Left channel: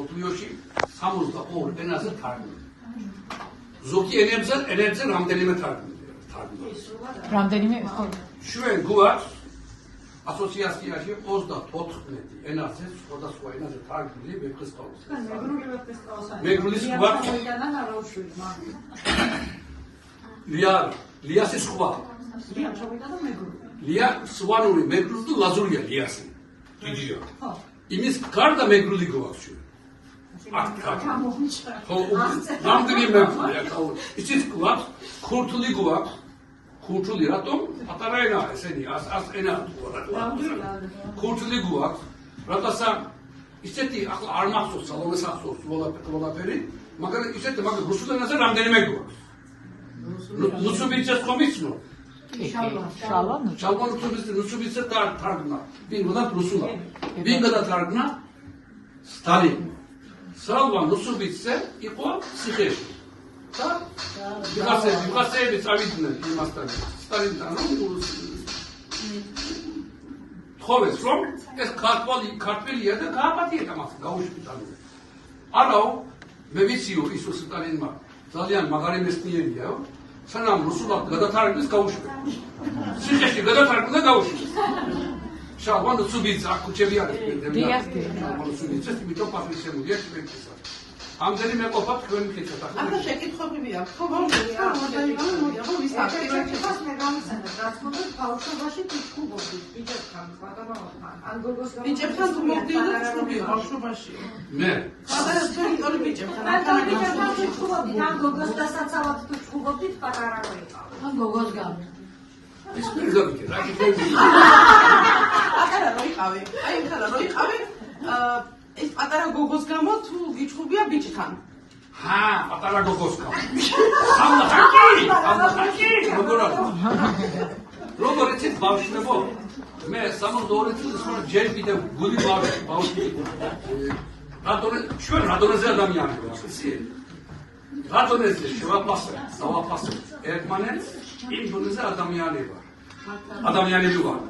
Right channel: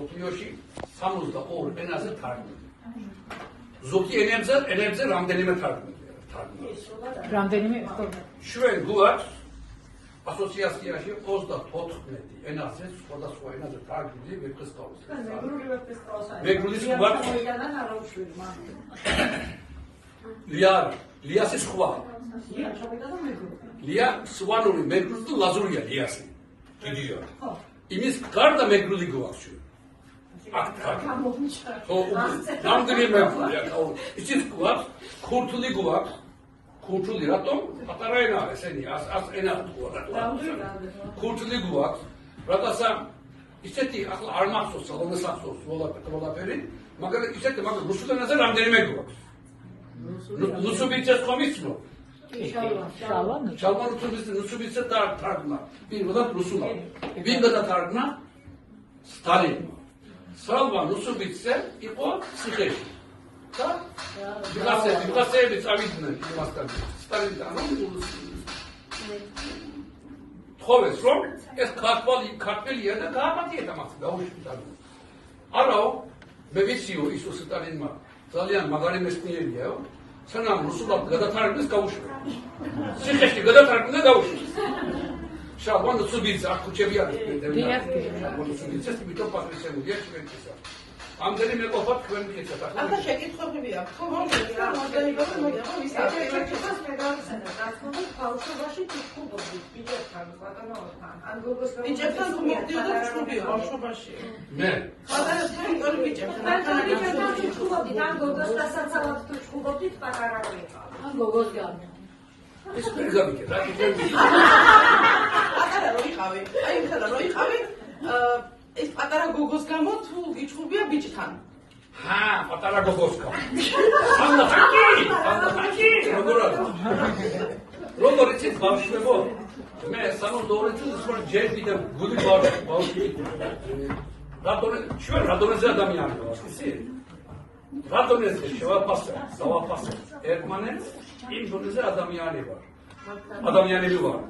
სოფლიოში 62 ენაზე თარგმნილი. ზოგი ენებზე რამდენიმე თარგმნილია. რამდენიმე ჩვენ გვაქვს ასოციაციაში 34 ენაზე, სხვადასხვა ენაზე თარგმნილი ვეფხისტყაოსანი. მეგრულის გვაქვს ლიასის სხვა. ლია სვანური მეგრული და ლაზურია ლიასი. დიდია. იმის გარდა მეგრული გვაქვს ჩვენ. რამდენი მეგრულია? იცით გვაქვს ქურთული გვაქვს. ქურთული რატომ? პატარა ენაა ესენი, ას ენა ქურთული გვაქვს. რატოცა ისეთი ახლა არ მახსოვს სალომეს ახსოვს ყველაფერი, მაგრამ ისეთი მაგრამ რუსულ ენაზე რამდენიმე გვაქვს. რუსობიცას კომიცნო. შალვა რუსობიცას თარგმნა. ვინ რუსულა? ვინ გადათარგმნა? სტალინი. შალვა რუსობიცე იყო ციხეში. და ვიღაცები წავიდნენ იმასთან სტალინთან თხოვეს რომ ეს ქართველია და გააპატიეთ ამას დაუშვიტანო. არაო მე ვიციო ისო სტალინმა ძალიან მაგარი მეცნიერია სანამ რუსულად გადათარგმნეს გაუშვეს. ციხეში გადათარგმნა და გაუშვეს. შალვა რუსობიცე აქ ქუჩები არის რუსობიცეს მითო პატრიცემულია ჩვენისა. ამდენი მეყოფა თქვენ მკითხეთ ახლა. ახლა შეკითხვები აქვს. ხო, მომწონია. ბავშვობაში ფიქრობდი, ბიჭებთან, ბატონებთან. ან გოგოსთან. ბიჭებთან თუ მივდიოდა ჩხუბიო ბავშვობაში. მე. პატარა სკოლის ბიჭებთან. ბიჭებთან ჩხუბობდი, ან გოგოს დასაცავად თუ ჩხუბობდით, პატარა რო იყავი. ან გოგოს გამო. ეს პირგავი რა თქვი? პატარა რო იყავი. აი ხარა რო იყავი. ეს პატარა გოგოს გამო თუ გიჩხუბია ბიჭთან? პატარა გოგოს გამო. ამათაკი. როგორ იცით ბავშვებო? მე 62 წელს ვარ ჯერ კიდევ გული ბავშვი. რატომზე ადამიანი ვარ, იცი? რატომზე დავაფასე ერთმანეთს იმ დონეზე ადამიანები ვარ.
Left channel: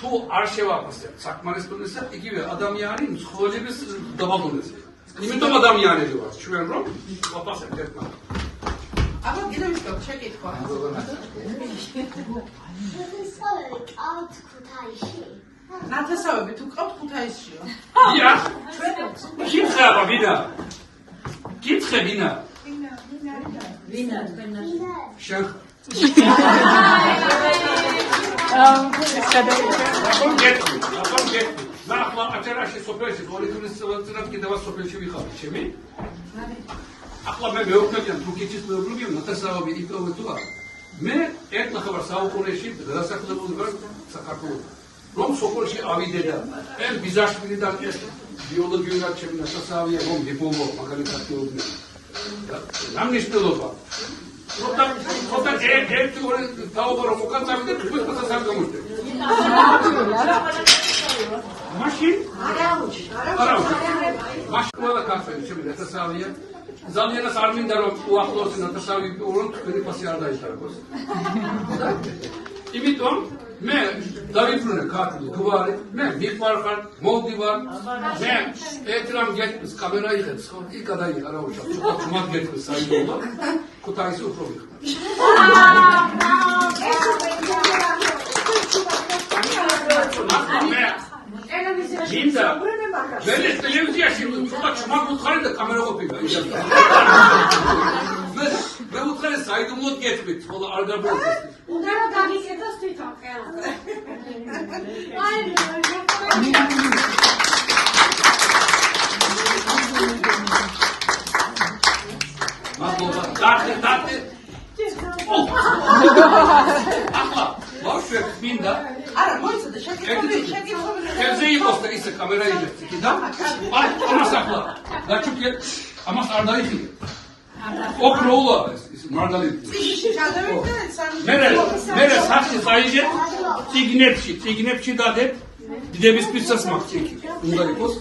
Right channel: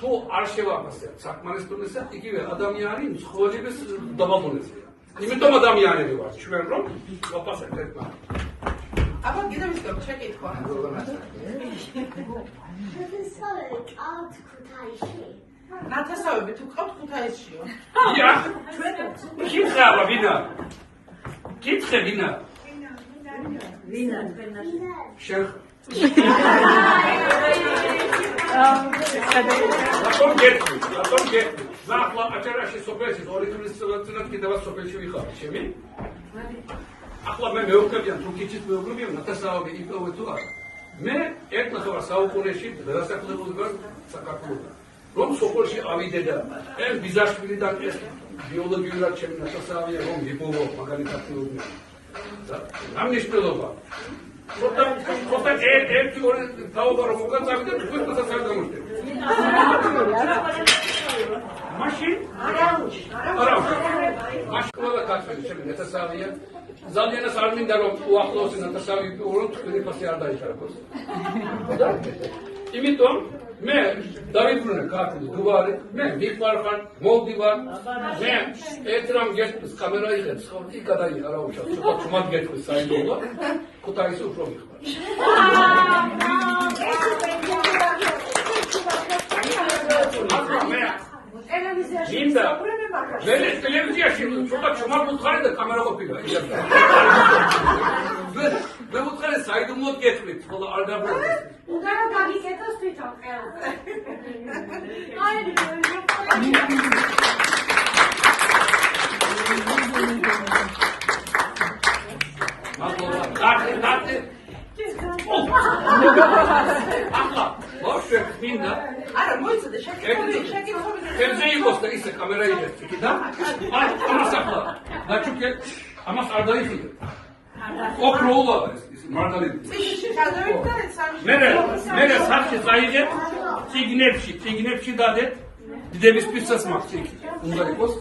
თუ არ შევაფასებთ საკმარის დონეზე, იგივე ადამიანი მსხვილების დაბალდონეზე. იმიტომ ადამიანები ვართ ჩვენ რომ ვაფასებთ ერთმანეთს. აბა ჩვენს შეკითხვა. ნათესავები თუ ყავთ ქუთაისშიო? ია. კითხე აბა ვინა? კითხე ვინა? ვინა? შენ რატომ გეტყვი? ნახლა აჭარაში სოფელში 2000 წელს კიდევ სოფელში ვიხარ, ჩემი? ახლა მე მეუღებიან თურქეთის მეუღებიან ნათესავები იპოვე თუ არა? მე ეკნახავარ საუკუნეში გადასახლებული ვარ საქართველოში. რომ სოფელში ავიდე და ეს ბიზარსკვილიდან ეს ბიოლოგიურად ჩემი ნათესავია რომ ვიპოვო მაგალითად მეუღები. რა მნიშვნელობა? Όταν ერთი ორი თავობარო მოკაცავიდან თქვენ პასას არ გამოსდეთ. მაშინ? არა. მაშინ ყველა კაცები ჩემი ნათესავია. ზალიანას არ მინდა რომ უახლოესი ნათესავი ვიპოვო, თქვენი პასი არ დაითარგოს. იმიტომ მე დავიბრუნე ქართული გვარი, მე მიყვარხარ, მოვდივარ, მე ერთ რამ გეტყვის კამერა იღებს, ხო, იქ გადაიღა რა უშავ, ცოტა თუმად გეტყვის საიდუმლო, ქუთაისი უფრო ვიხარ. მე ტელევიზიაში ცოტა თუმად ვუთხარი და კამერა ყოფილა. მე ვუთხარი საიდუმლოდ გეტყვით, ხოლო არ გაბრუნდეს. უნდა რომ დაგიკეთოს თვითონ ხელზე. აი მადლობა. დაგე. ახლა ვაშვებ მინდა. არა, მოიცადე შეკითხები. ხელზე იყოს და ისე კამერა იღებს იქ და აი ამას ახლა დაჩუქე ამას არ დაიხილე. ოქროულა ის მარგალიტი. მე სახში წაიგე ციგნებში დადეთ დიდების პიცას მაქვს იქ უნდა იყოს.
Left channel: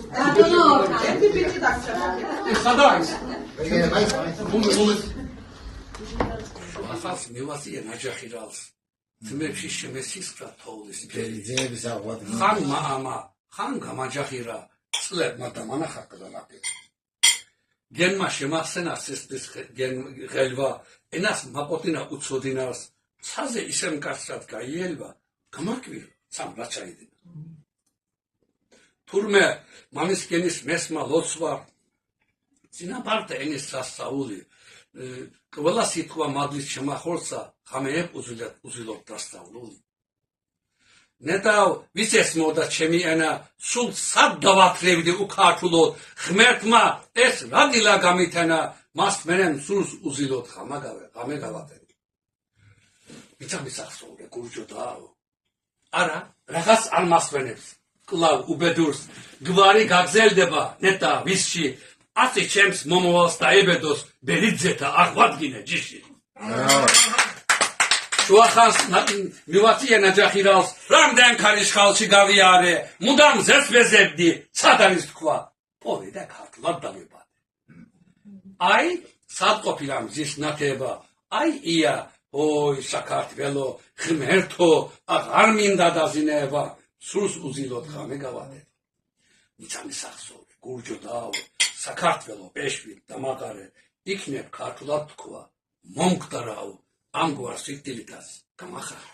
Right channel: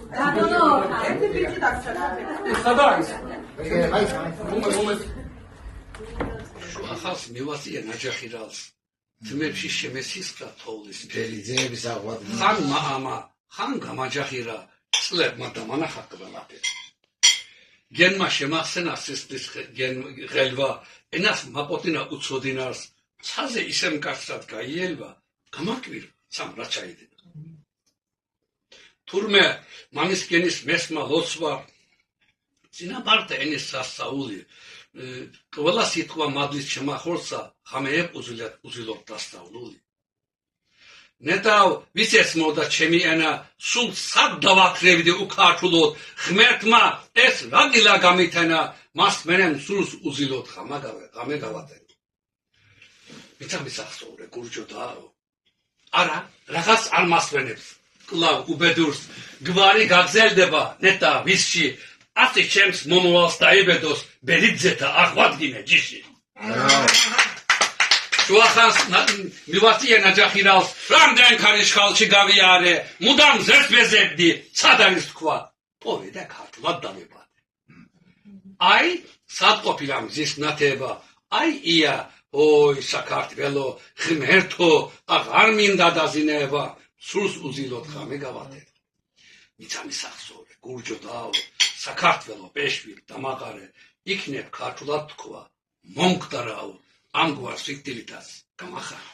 ერთი ბიჭი დაგჭირდა. ეს სადა არის? ახალს მევასია ნაჯახი რალს. ძმებში შემესისკა თოვლის ძეების აღვად ხან მაამა ხან გამაჯახირა წლებმა და მანახატა ნაფერი გენმა შემახსენა სისხლის ღელვა, ენას მაპოტინა უცოდინარს, ცაზე ისე მკაცრად გაიელვა, გამარკვირვა, სამ რა ჩაიდება. თურმე მანის გენის მესმა ლოცვა, წინაპართა ენის სასწაული, ყველა სიტყვა მადლის შემახორცა, ხამეებ უზილოდ დასწავლული. ნეტავ ვიცეს მოდა ჩემი ენა, სულ სად დავაქრევდი უქართულოდ, ღმერთმა ეს რა დილა გამითენა, მას მენემ სულს უზილოდ ღამე გავატენ. მიცამის ახსოვრე გურჯო დააო. არა, რაღაც არ მასვენებს. კლავ უბედურს, გვარი გაგზელდება, ნეტა ვისში, ასე ჩემს მომავალს დაებედოს, ბერიძეთა აღვადგინე ჯიში. შუახანს მივაწია ნაჯახირალს, რამდენ ქარიშხალში გავიარე, მუდამ ზერს ვეზებდი, სად არის თქვა, პოვედა ქართულად დავებადე. აი, სად ყოფილა მზის ნათება, აი ია, ой, საქართველო, ღმერთო, აღარ მინდა დაზინება, სულს უზილოდ ღამე გავატენ. მიცამის ახსოვრე, გურჯო დააო, საქართველო, პეშვი, დამაღარე, იქნებ ქართულად თქვა, მომკვდარაო, ამგვარ სიკვდილითაც გამახარე.